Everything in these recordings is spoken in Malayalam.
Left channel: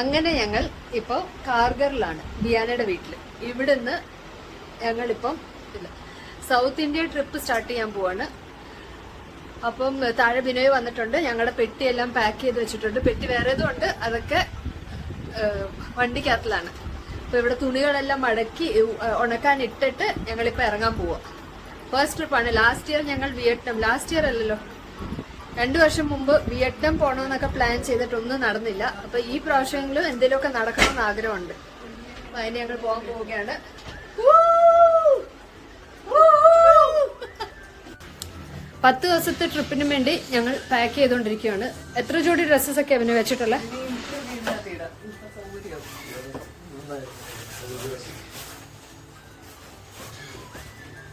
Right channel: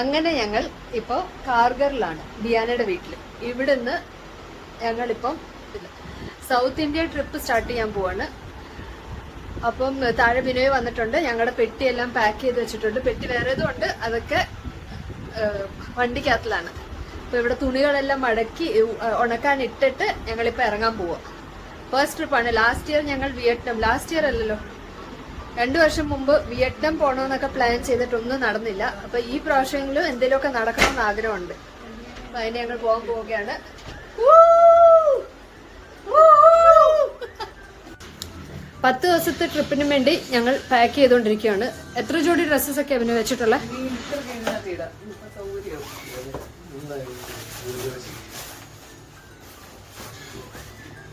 അങ്ങനെ ഞങ്ങൾ ഇപ്പോൾ കാർഗറിലാണ്, ബിയാനയുടെ വീട്ടിൽ. ഇവിടുന്ന് ഞങ്ങളിപ്പം സൗത്ത് ഇന്ത്യ ട്രിപ്പ് സ്റ്റാർട്ട് ചെയ്യാൻ പോവാണ്. അപ്പം താഴെ ബിനോയ് വന്നിട്ടുണ്ട്. ഞങ്ങളുടെ പെട്ടിയെല്ലാം പാക്ക് ചെയ്ത് വെച്ചിട്ടുണ്ട്. പെട്ടി വേറേതും ഉണ്ട്, അതൊക്കെ വണ്ടിക്കകത്തിലാണ്. അപ്പൊ ഇവിടെ തുണികളെല്ലാം മടക്കി ഉണക്കാൻ ഇട്ടിട്ട് ഞങ്ങളിപ്പോൾ ഇറങ്ങാൻ പോവാ. ഫസ്റ്റ് ട്രിപ്പാണ്. ലാസ്റ്റ് ഇയർ ഞങ്ങൾ വിയറ്റ്നാം, ലാസ്റ്റ് ഇയർ അല്ലല്ലോ, 2 വർഷം മുമ്പ് വിയറ്റ്നാം പോകണമെന്നൊക്കെ പ്ലാൻ ചെയ്തിട്ടൊന്നും നടന്നില്ല. അപ്പൊ ഈ പ്രാവശ്യമെങ്കിലും എന്തെങ്കിലുമൊക്കെ നടക്കണമെന്ന് ആഗ്രഹമുണ്ട്. അപ്പൊ അതിന് ഞങ്ങൾ പോകാൻ പോവുകയാണ്. 10 ദിവസത്തെ ട്രിപ്പിന് വേണ്ടി ഞങ്ങൾ പാക്ക് ചെയ്തുകൊണ്ടിരിക്കുകയാണ്. എത്ര ജോഡി ഡ്രസ്സസ് ഒക്കെ അവന് വെച്ചിട്ടുള്ള?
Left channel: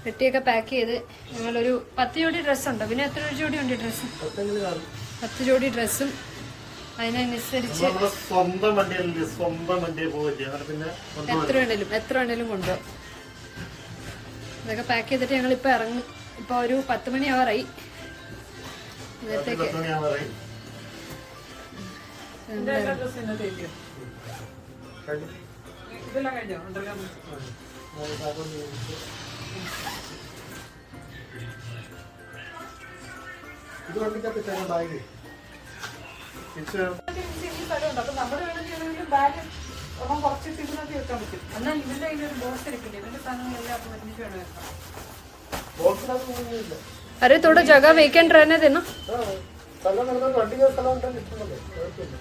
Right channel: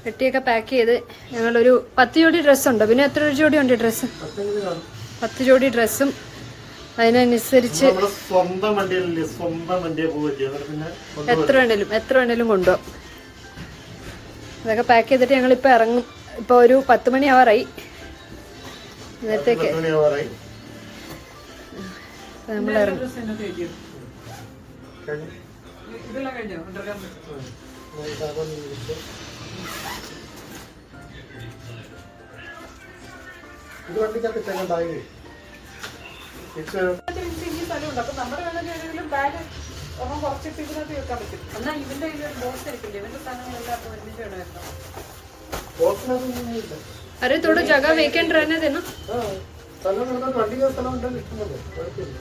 പെട്ടിയൊക്കെ പാക്ക് ചെയ്ത് ഞങ്ങളൊരു 10 ജോഡി ഡ്രസ്സുണ്ട്. പിന്നെ എത്ര ജോഡി ഉണ്ട് ഡ്രസ്സ്? 10 ജോഡി ഡ്രസ്സും അതിനനുസരിച്ച് എത്ര വേണേലും കൊണ്ടുപോകും. അതൊക്കെ പാക്ക് ചെയ്തിട്ട് ഞങ്ങളിപ്പോൾ ഇറങ്ങും. ഇപ്പൊ ഒരു 10 മണി ആവാറായി. നേരത്തേക്ക് നമ്മളിറങ്ങും. ഇത് വണ്ടിക്കകത്ത് ബാഗ് अरे थोड़ा जगह वेकेंट रहने देना. വണ്ടി സ്ഥലം ഉണ്ടല്ലോ, ഇഷ്ടമല്ലോ, കുഴപ്പമില്ല.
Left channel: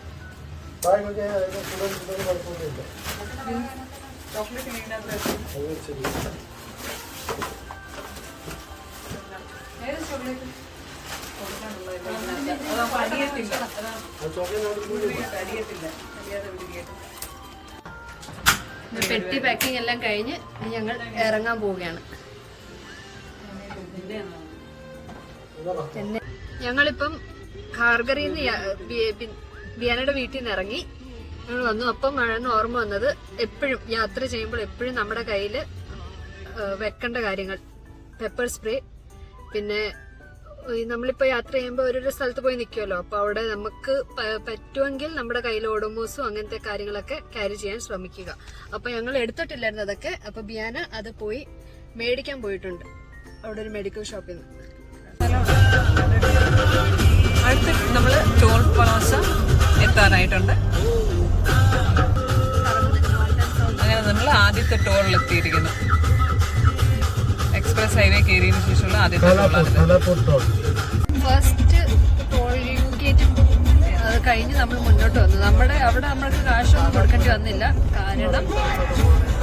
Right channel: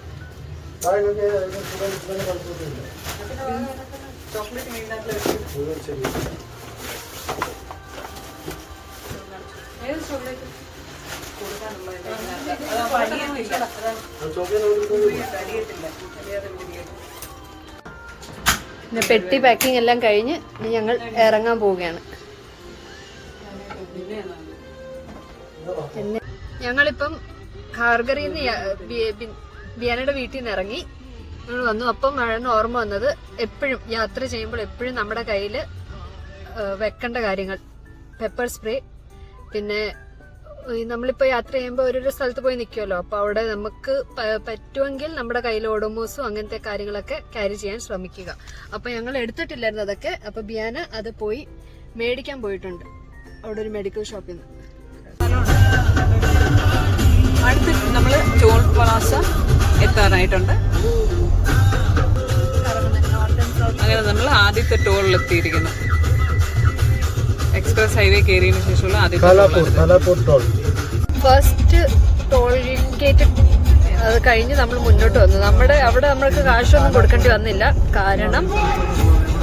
പെട്ടി പാക്കിംഗ് എല്ലാം കഴിഞ്ഞ് ഞങ്ങൾ ഇറങ്ങാൻ പോവുകയാണ്. പിന്നെ ഞങ്ങളിപ്പം കാർഗറിൽ നിന്ന് ബിയാനയുടെ വീട്ടിൽ നിന്ന് ഇറങ്ങി ഞങ്ങൾ വന്നു. അപ്പം മഴന്ന് ഓർമ്മ വന്നത്, എപ്പോഴും യാത്ര ചെയ്യുമ്പോൾ എപ്പോഴും നമ്മുടെ കയ്യിൽ വെക്കേണ്ട കാര്യങ്ങൾ, പെപ്പർ സ്പ്രേ. പിന്നെ നമ്മളിപ്പോൾ യാത്ര ചെയ്യുമ്പോൾ ഓരോരോ സ്ഥലത്ത് പോയി നിൽക്കുമല്ലോ, അപ്പോൾ അവിടെ നമുക്ക് പറ്റുമെങ്കിൽ നമ്മുടെ കയ്യിൽ ഓഡോമോസും അങ്ങനത്തെ കാര്യങ്ങളൊക്കെ ക്യാരി ചെയ്യാൻ ശ്രമിക്കുക. അപ്പോൾ ഞങ്ങൾ എടുത്തിട്ടില്ലായിരുന്നു അതൊക്കെ. അപ്പോൾ ബിയാന അത് പോയി മേടിക്കാൻ പോയിട്ടുണ്ട് അവിടെ ഒരു മെഡിക്കൽ ഷോപ്പിൽ നിന്ന്. അടുത്ത് നമ്മൾ ടോൾ പ്ലാസ എത്താനായിട്ടുണ്ട്. അങ്ങനെ നമ്മൾ ആദ്യത്തെ ടോളിൽ എത്തിയിരിക്കുന്നു. എക്സ്പ്രസ് ഹൈവേ കയറിയതിനു ശേഷമുള്ള ആദ്യത്തെ ടോളാണിത്. ഫസ്റ്റ് ടോൾ ഗേറ്റ് അത് കഴിഞ്ഞ് നമ്മൾ മുന്നോട്ട് വന്നു. അവിടെ നമ്മൾക്ക് കാശൊന്നും കൊടുക്കേണ്ടി വന്നില്ല. കാരണം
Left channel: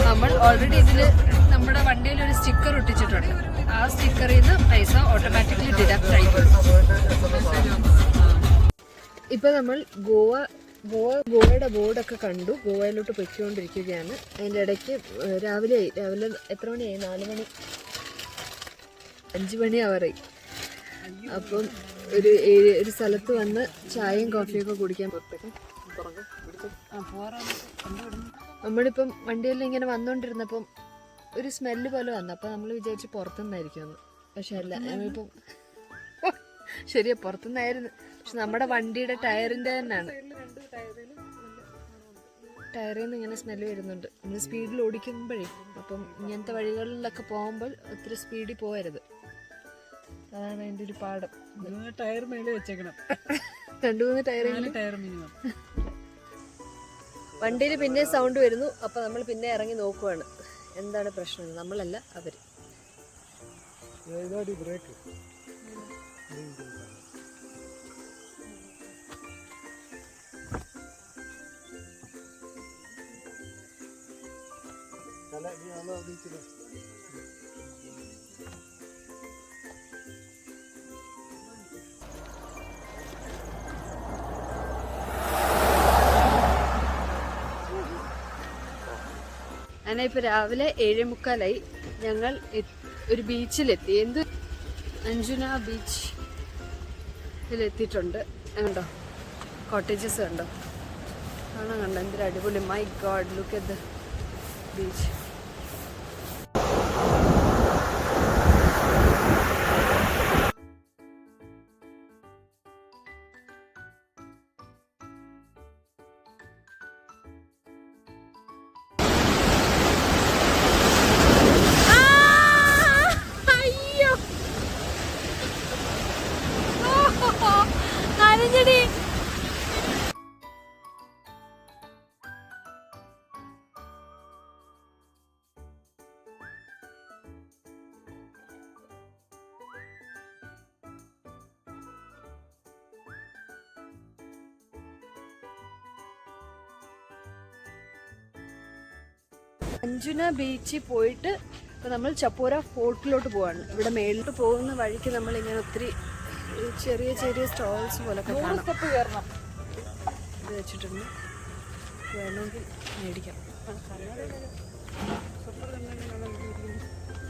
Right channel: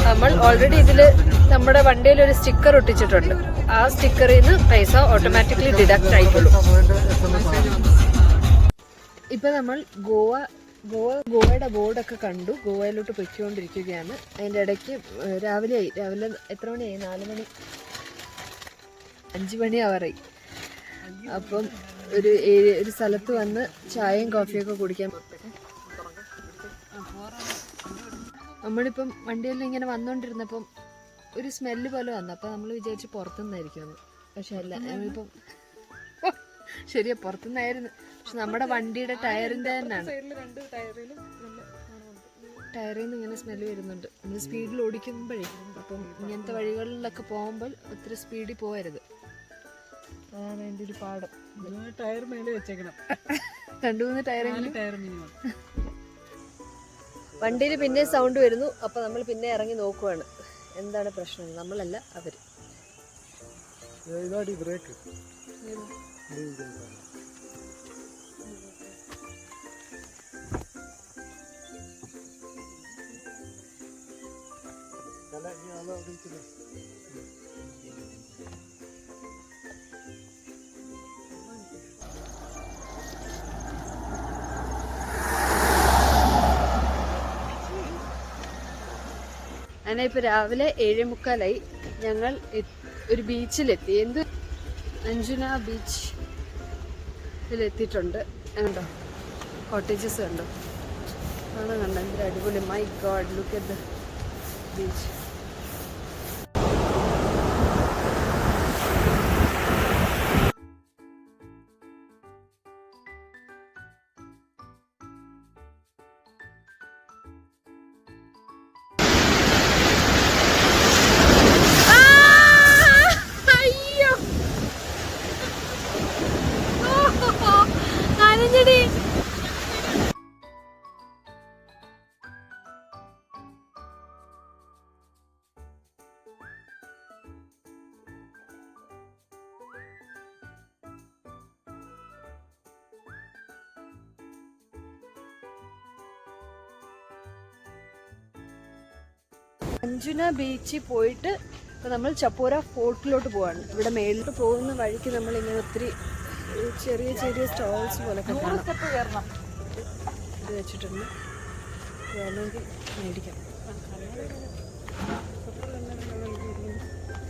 നമ്മൾ ഓൾറെഡി ഇതില് നമ്മുടെ വണ്ടിയിൽ ഒരു സ്റ്റിക്കർ ഒട്ടിച്ചിട്ടുണ്ട്. ആ സ്റ്റിക്കറിൽ നിന്ന് പൈസ ഓട്ടോമാറ്റിക്കലി ഡിഡക്റ്റ് ആയിക്കൊള്ളും. ഇപ്പൊ നമ്മൾ ഗോവയുടെ ബോർഡൊക്കെ കണ്ടു. ഗോവയിലോട്ട് പൊയ്ക്കൊണ്ടിരിക്കുകയാണ്. അതിൻ്റെ ഇടയ്ക്ക് രാവിലെ എത്ര മണിയായി? 4 മണി, 5 മണി ആവാറായി. അപ്പം ഒരു സ്ഥലത്ത് വന്ന് ചായയും കോഫിയൊക്കെ കുടിക്കാൻ. നമ്മളിപ്പം വണ്ടിയിൽ ഇങ്ങനെ വന്നുകൊണ്ടിരുന്നപ്പം ഒരു സ്മെല്ല് പോലെ വന്നു. അപ്പം നമ്മൾ വിചാരിച്ച് പുറത്തുനിന്നായിരിക്കുമെന്ന്. പക്ഷെ അല്ല, നമ്മളിപ്പം ശരിയാ പുറത്തുനിന്നായിരുന്നു. പക്ഷെ നമ്മുടെ വണ്ടിയുടെ ടയറിൻ്റെ തന്നെയാണ്. ടയറിൽ നിന്ന് ഇങ്ങനെ സ്മെല്ല് വരുന്നുണ്ട്. നമ്മൾ സ്പീഡിൽ ഓടിക്കുമ്പോഴേ. അപ്പം ഇങ്ങനത്തെ വഴികളിലൊക്കെ പോകുമ്പോൾ ഒത്തിരി സ്പീഡിൽ പോകരുത്. അതാണ് അതിൻ്റെ ഒരു പാഠം. ടയർ മേലെ വെച്ചേക്കണം. 2-3 ടയർ മിനിമം. വണ്ടിയിൽ പിന്നെ സൗണ്ട് വരുന്നു. അപ്പൊ നമ്മൾ പിന്നെ ഇറങ്ങി നോക്കുവാണ് എന്താണ് പ്രശ്നം. നമ്മളല്ല, അവര്. അങ്ങനെ ഇപ്പൊ രാവിലെ 7:45 ഞങ്ങൾ ഒരു ബീച്ചിലെത്തി. എന്ത് അഞ്ജുന ബീച്ചിലെത്തിയിട്ടുണ്ട്. കണ്ടോ കോട്ടേജസ് കണ്ടോ? കാണാൻ കണ്ടോ എന്തൊരു അടിപൊളി. My God, look at the beach. Anjuna ബീച്ചിൽ പോയിട്ട് ഇപ്പൊ നമ്മൾ ചപ്പോര ഫോർട്ടിലോട്ട് പോവാണ്. ഇവിടെ മേളിലോട്ട് പോകുന്ന വഴിക്ക് നമ്മൾ ഇങ്ങനെ ഒത്തിരി ചെറിയ ചെറിയ സ്റ്റോൾസ് പോലൊക്കെ കാണാം. ഇത് വെച്ചിട്ടുണ്ട്, വേണമെങ്കിൽ മേടിക്കാം.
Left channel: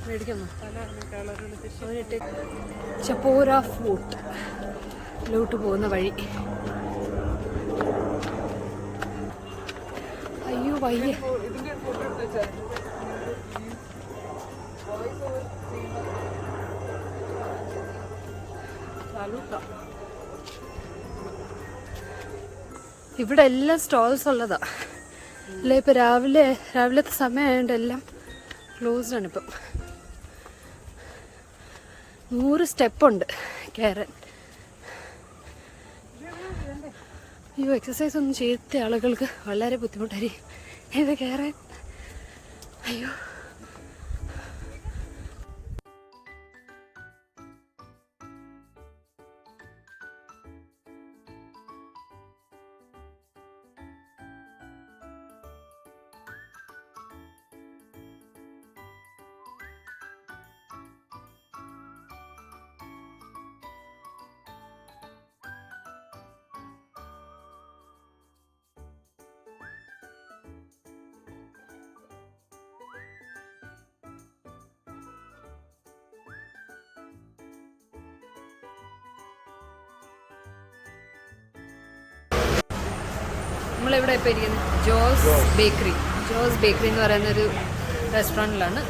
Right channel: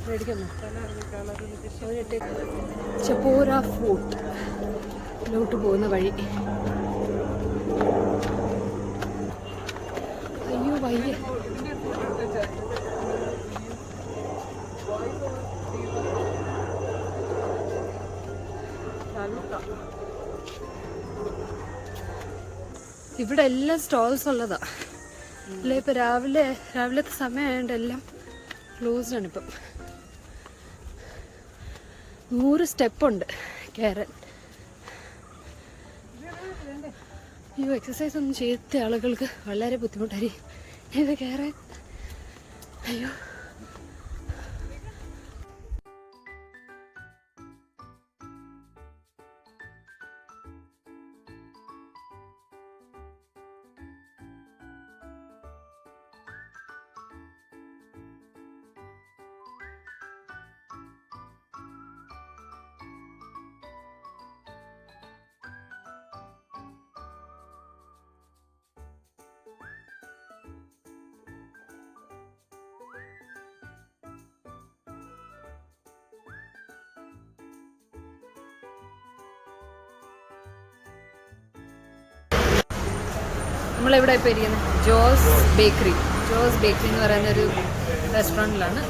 മേടിക്കുന്നോ? ചപ്പോര ഫോർട്ടിലോട്ട് പോകുന്ന വഴി. അയ്യോ വയ്യ. ഇവിടെ എല്ലാം സ്റ്റോൾസ് ഉള്ളതാ. ഇല്ല, ഇപ്പൊ രാവിലത്തെ സമയമായതുകൊണ്ട് എല്ലാം ക്ലോസ്ഡ് ആണ്. ഇപ്പം 100 സ്റ്റെപ്പുണ്ട് കയറാൻ. ഈ എക്സസൈസ് ഒന്നും ചെയ്ത ആളുകൾക്ക് വളരെ ബുദ്ധിമുട്ടായിരിക്കും ഇത് കയറാൻ. അയ്യോ, നമ്മളിവിടെ ഇപ്പോൾ ഇരിക്കുന്നത് ജോസ് ബേക്കറി എന്ന് പറയുന്ന ഒരു റെസ്റ്റോറൻറ്റിലാണ്.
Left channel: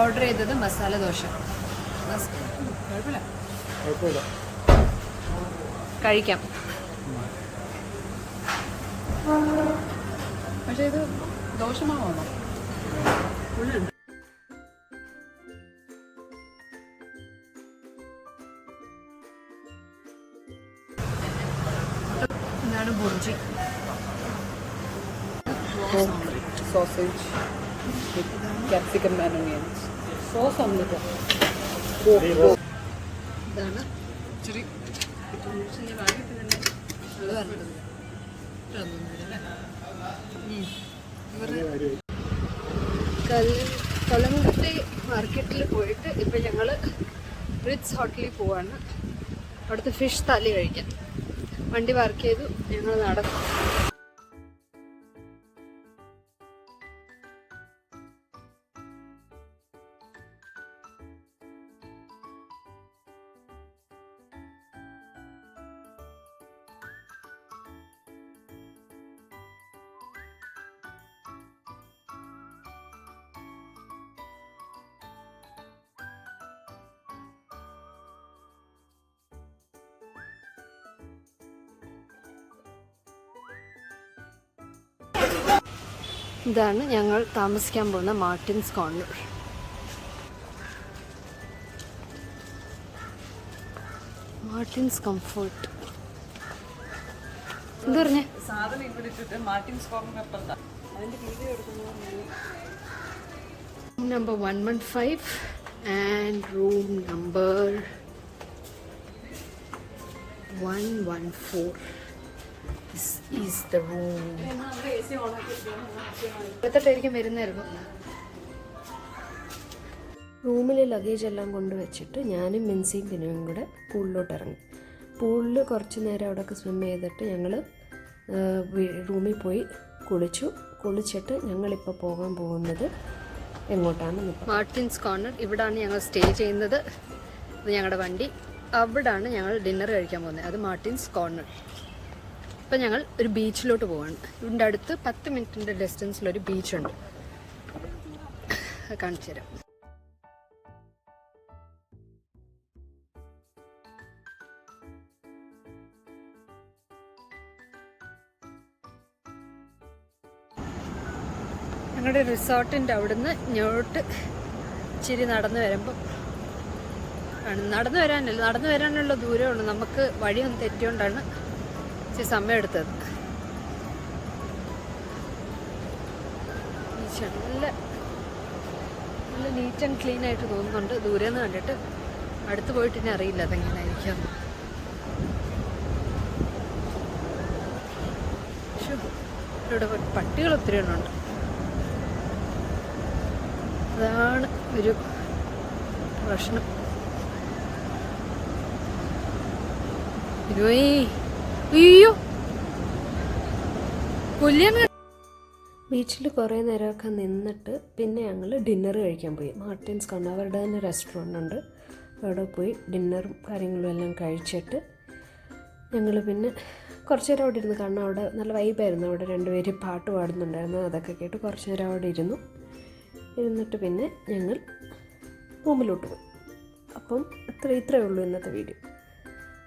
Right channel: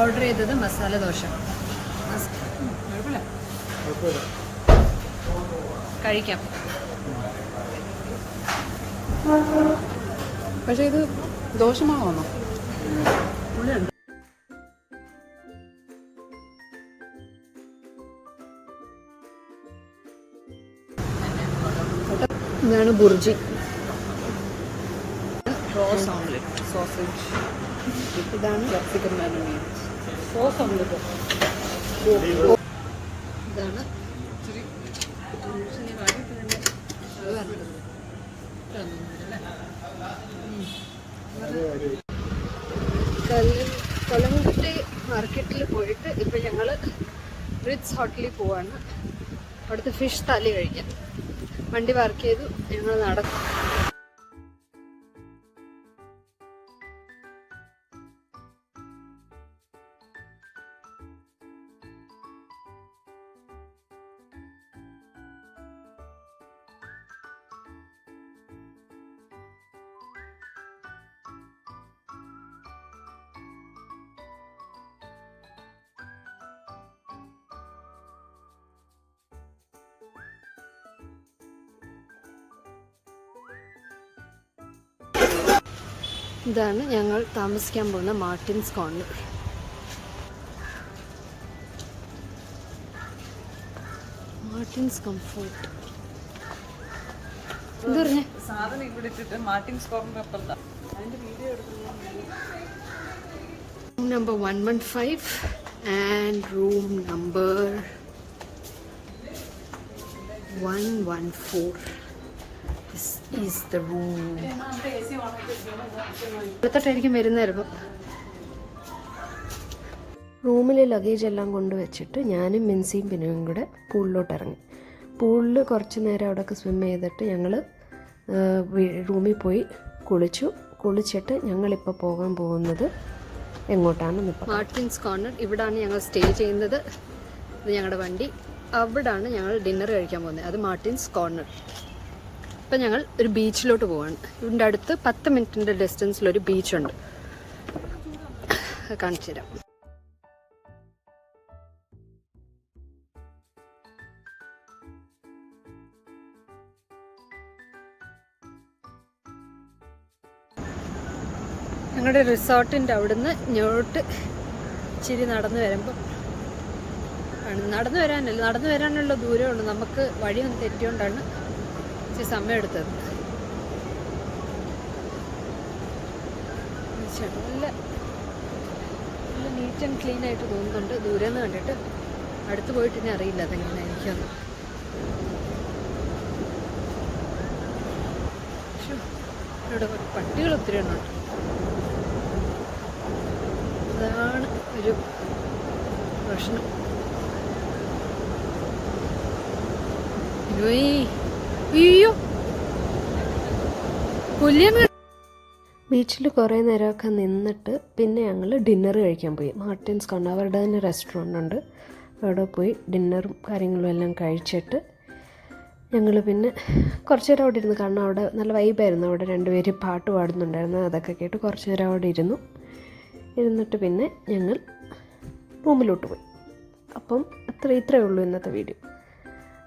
ഓർഡർ ചെയ്തത് മസാല ദോശ. കുഴപ്പമില്ല, കഴിക്കാം. പക്ഷെ ഇത് ദോശമാണോ? പുള്ളിയുണ്ട്. ഇതാണ് ബുർജി. Rose omelette, sausage. ഇതാണ് ക്യാപ്സിക്കം മാരിനേഡ്, സോസ് ഓംലെറ്റ്. ഇതാണ് കലങ്ങുട്ടി മാർക്കറ്റിൽ പോയിട്ട് ഇപ്പൊ ഞങ്ങള് റിറ്റ്സ് ഹോട്ടലിൽ പോവാണ്. അവിടുത്തെ ഫിഷ് താലി കഴിക്കാൻ. വണ്ടി പാർക്ക് ചെയ്തു, ഞങ്ങൾ നടക്കും. ഇതാണ് ഞങ്ങൾ താമസിക്കാൻ പോകുന്ന മാർട്ടിൻസ് കോർണർ. Martin's comfort. എന്താ പറഞ്ഞേ? സാധനം ഇവിടെ ഇട്ടിട്ട് മാർട്ടിൻസ് കോർണർ അപ്പുറത്താ. Room number 115 and room number 114. This is the room. ഇവിടത്തോട്ടായിരിക്കും വരുന്നായിരുന്നു. റൂമിൽ ലഗേജ് എല്ലാം കൊണ്ടുവച്ചിട്ട് ഞാനും മിൻസിയും പിന്നെയും കൂടെ പൂളിലോട്ട് ഇറങ്ങി. പൂളിൽ കുറച്ച് നേരം അവിടെയൊക്കെ സ്വിം ചെയ്തിട്ട് ഞങ്ങൾ റൂമിൽ പോയി കുളിച്ചിട്ട് ഞങ്ങളിപ്പോൾ പോകാൻ പോകുന്നത് എങ്ങോട്ടാണെന്ന് ഇപ്പോൾ മാർട്ടിൻസ് കോർണർ. ഇവിടാണ് ഞങ്ങൾ സ്റ്റേ ചെയ്യുന്നത്. ഇത് ഞങ്ങളുടെ വണ്ടി. അവിടാണ് ഞങ്ങൾ ഡിന്നർ കഴിക്കാൻ പോകുന്നത്. അത് മാർട്ടിൻസ് കോർണർ. ഇപ്പം ഞങ്ങൾ ഒരു ബീച്ചിലോട്ട് പോവാണ്. ഇതിൻ്റെ അടുത്ത് 10 മിനിറ്റിൻ്റെ ഡിസ്റ്റൻസിലൊരു ബീച്ചുണ്ട്, കാണിച്ചു തരാം. ഞങ്ങളുടെ റിസോർട്ടിൻ്റെ അവിടുന്ന് ഇങ്ങോട്ട് ഇച്ചിരി നടന്നു വരുമ്പം നടന്നു വരാനുള്ള ദൂരമേ ഉള്ളൂ. നമുക്ക് വഴിയൊന്നും തെറ്റിയോണ്ടാണ് ഇച്ചിരി സമയം എടുത്തത്. നല്ല നീറ്റ് ആൻഡ് ക്ലീൻ ആയിട്ട് തോന്നുന്നുണ്ട് ദൂരെ നിന്ന് കണ്ടിട്ട്. അടുത്ത് പോയിട്ട് ഇനി അറിയില്ല അതെങ്ങനെയായിരിക്കും. ഇവിടെ പട്ടികൾ ഒത്തിരി എണ്ണമുണ്ട്. അതാണ് ഒരു പ്രശ്നം. അയ്യോ കൊല്ലിയാണ്. ബീച്ചിൽ കുറേ നേരമൊക്കെ നിന്നിട്ട് പിന്നെ ഞങ്ങൾ ഡിന്നർ കഴിക്കാൻ പോയി. മാർട്ടിൻസ് കണ്ട് അവരുടെ തന്നെ റെസ്റ്റോറൻ്റ് ഉണ്ട്, അവിടെ പോയി ഡിന്നറും കാര്യങ്ങളും എല്ലാം കഴിച്ചിട്ട് ഞങ്ങൾ പിന്നെ കുറച്ച് നേരം അവിടെ ഇരുന്നു. കാരണം അവിടെ നല്ല വൈബായിരുന്നു, അവിടെ രണ്ടുപേര് പാട്ട് പാടുന്നുണ്ടായിരുന്നു, അതൊക്കെ കേട്ട് കുറച്ച് നേരം അവിടെ ഇരുന്നിട്ട് പിന്നെ ഞങ്ങൾ റൂമിലോട്ട് പോയി. അപ്പം ഇത്രയേ ഉള്ളൂ ഇന്നത്തെ വീഡിയോ.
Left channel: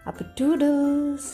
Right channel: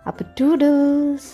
അപ്പോൾ 2 days